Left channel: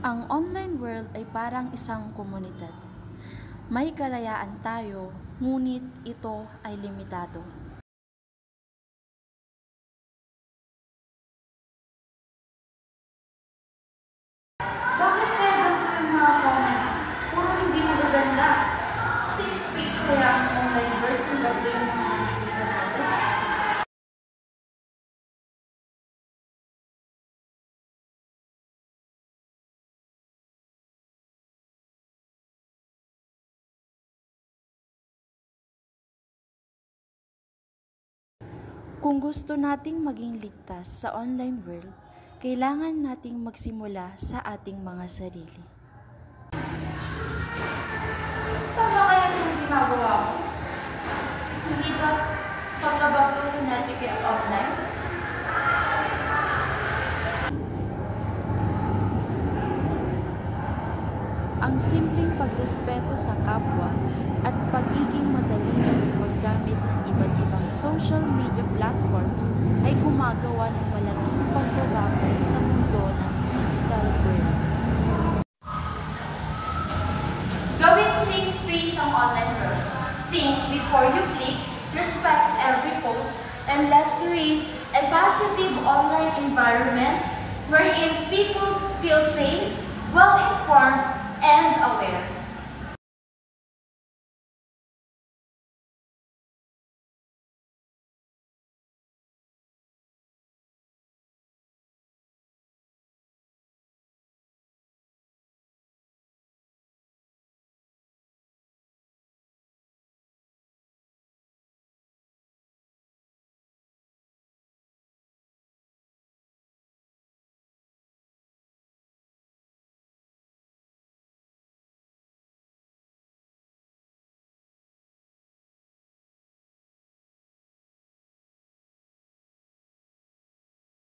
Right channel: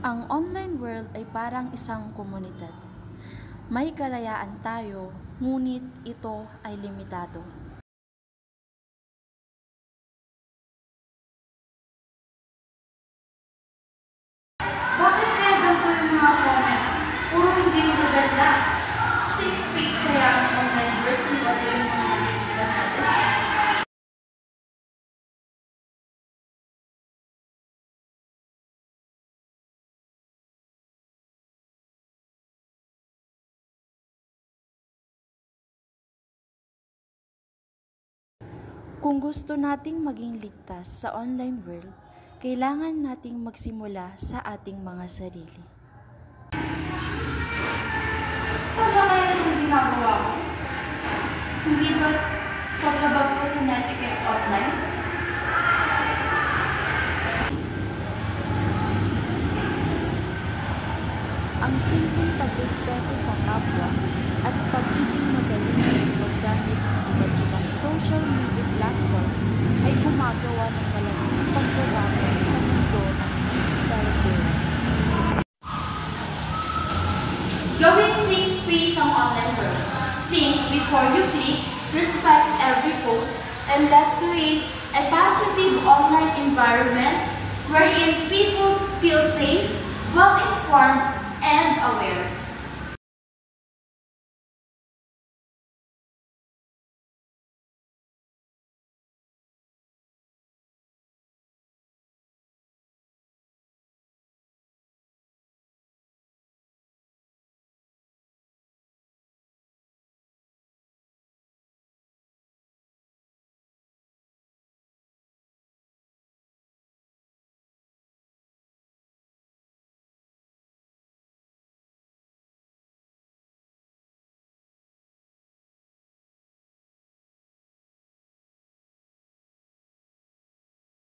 Ang online world ay parang isang komunidad. May kalayaan tayo, ngunit ito ay limitado. Bakit kaya ganito yung mga comments? Puro hindi magaganda. 6 weeks kaya ang online world kung bago yung mga nakikita natin. Kung gusto nating maging ligtas sa online world, kailangan nating magsimula sa ating mga sarili. Tama kaya itong ginagawa ko? Hindi ba paglabag ko sa netiquette online? Ang simpleng pagrespeto sa kapwa at pagiging magaling sa paggamit ng iba't ibang social media platforms ay gumagawa ng malaking pagbabago sa mundo ng digital world. Gawing 6 P's ang online world. Think before you click, respect every post, and let's create a positive online environment wherein people feel safe, well-informed, and aware.